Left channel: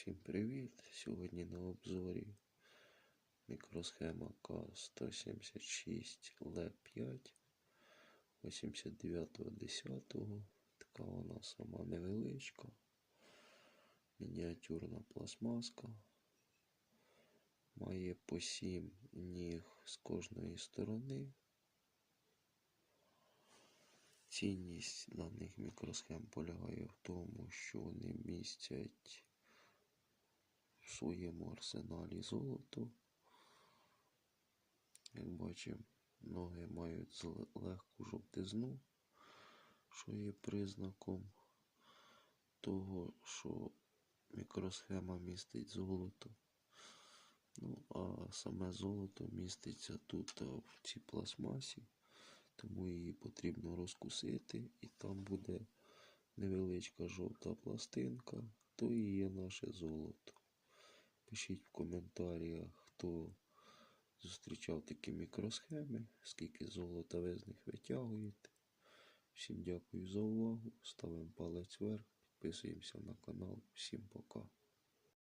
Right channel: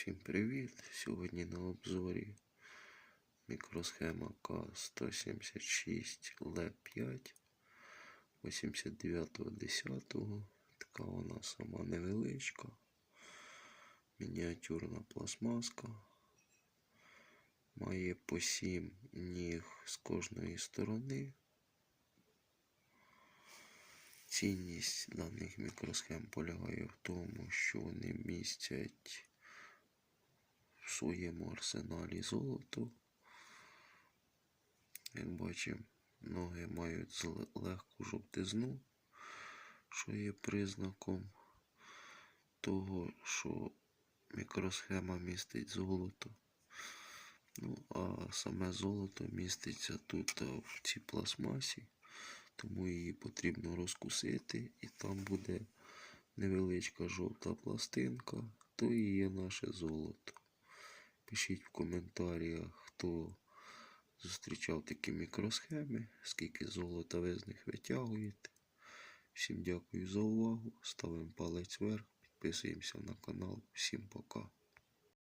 Всім привіт! Сьогодні на обзорі мікросхема К176 Л5 89.10. Така вона сама невеличка, мініатюрна пластмаска. Має по 7 ніг з кожної сторони. Цінність даних мікросхем полягає в тому, що вони містять своєму арсеналі золото. Як бачимо, ноги мають легку жовтизну, що є признаком того, що мікросхема містить золото. Ну, а саме золото міститься тут в цій пластмасі, тому її потрібно розкусити, і там буде невеличка жовта пластинка, то і є наше золото. Пишіть в коментарях, хто зустрічав такі мікросхеми, скільки золота ви з них витягуєте. Всім дякую за увагу. Ставимо палець вверх, підписуємося на канал. Всім пока.